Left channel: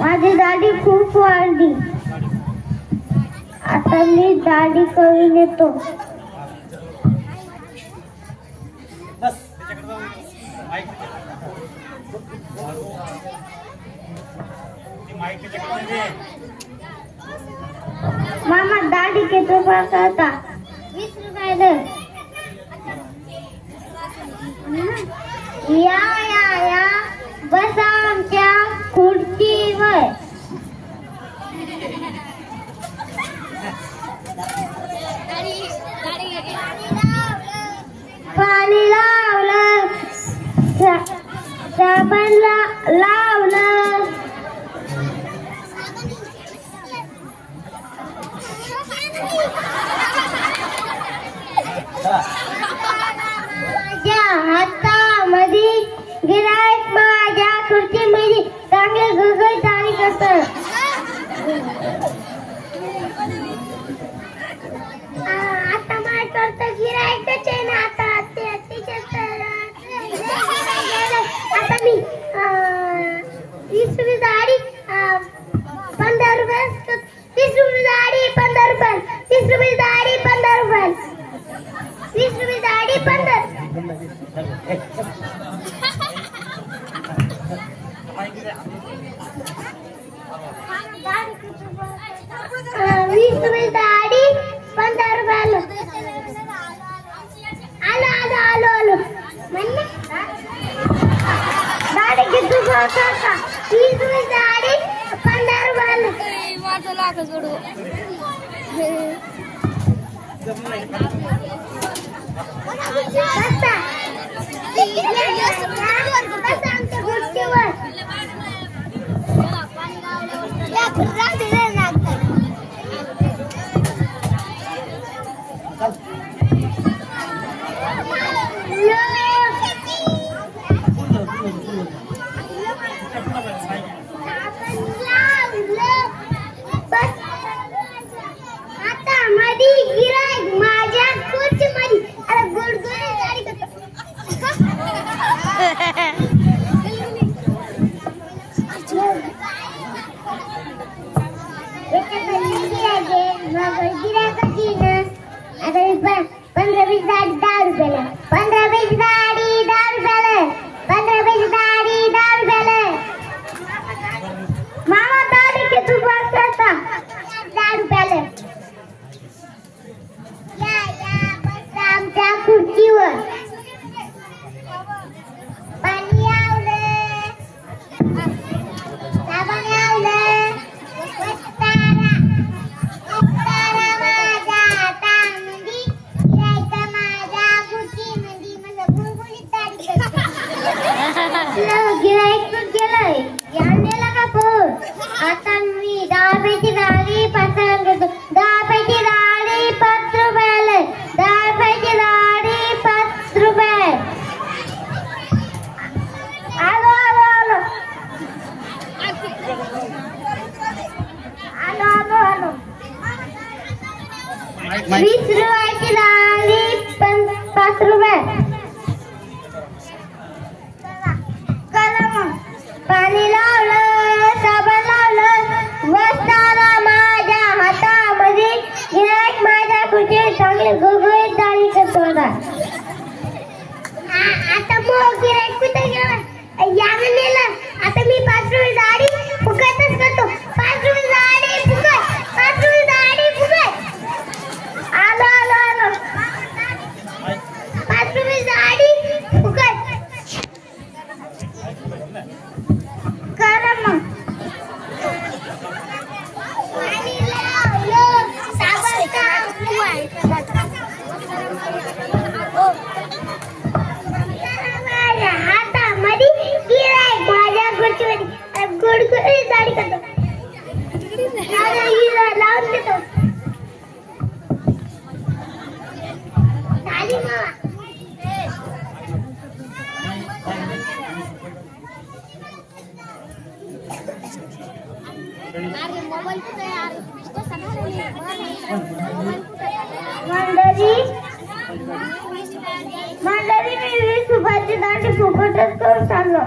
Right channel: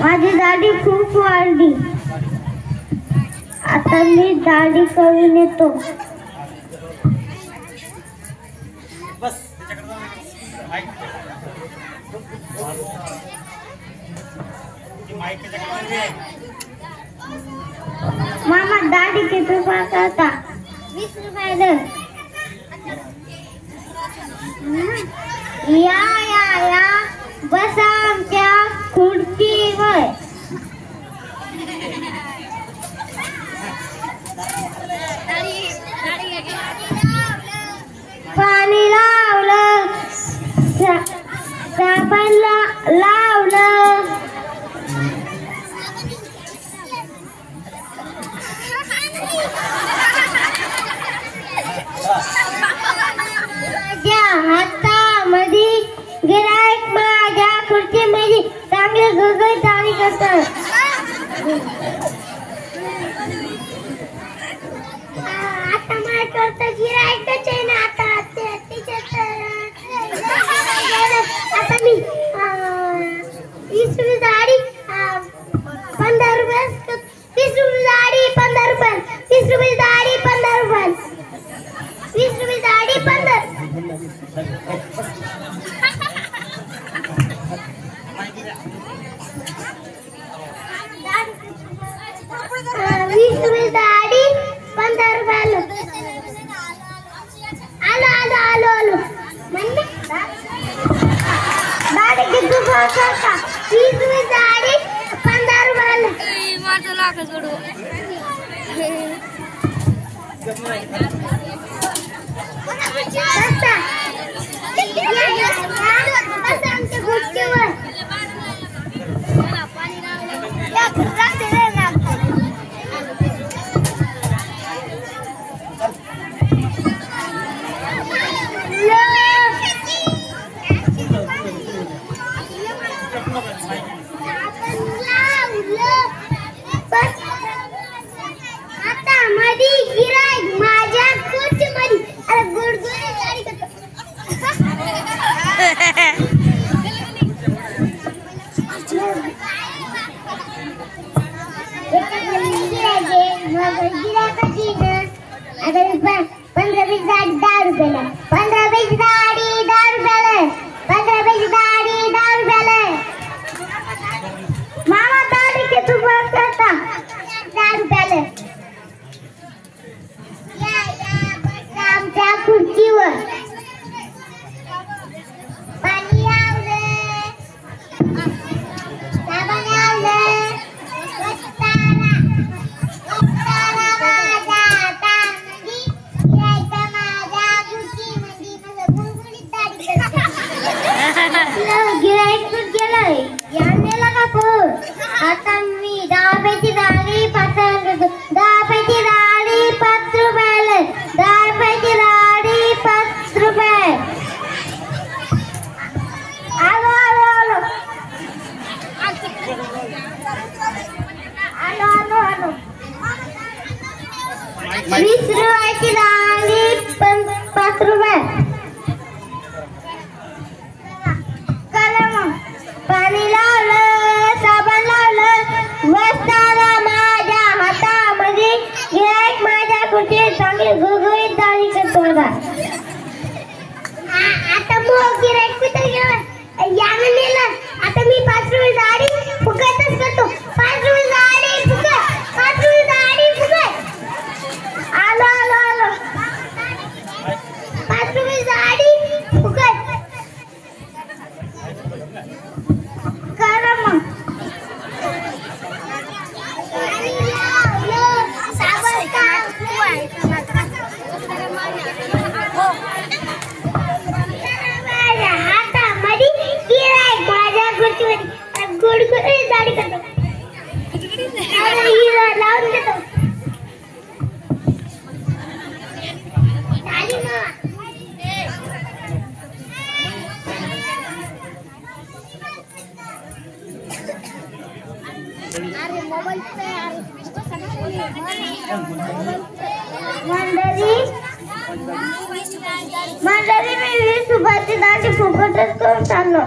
माझी दाढी खूप वाढली. आता मी दाढी करून येतो. मामा दाढी किती रुपयाचा होता? 20 रुपयाला. या या या बसा आमच्या खुर्चीवर. पाणी लावलं, साबण लावलं, माझ्या हातामध्ये गिऱ्हाईक माझ्या खुर्चीमध्ये चांगले गुळगुळीत दाढी करतात. आता मला करता गिऱ्हाईकच आहे ना. आता मी 20 रुपये दाढी 15 रुपये. 20 रुपये दाढी 15 रुपये. 20 रुपये दाढी 15 रुपये. 20 रुपये दाढी 15. 20 रुपये दाढी 15 रुपयाला. आलो म्हणले दाढी किती रुपयाचा होता? 20 रुपये दाढी 15 रुपयाला. माझं लाख जोडू. आमच्या गोष्टीवर मंडळी मी 20 रुपयाची दाढी फुकट तसंच करून टाकलं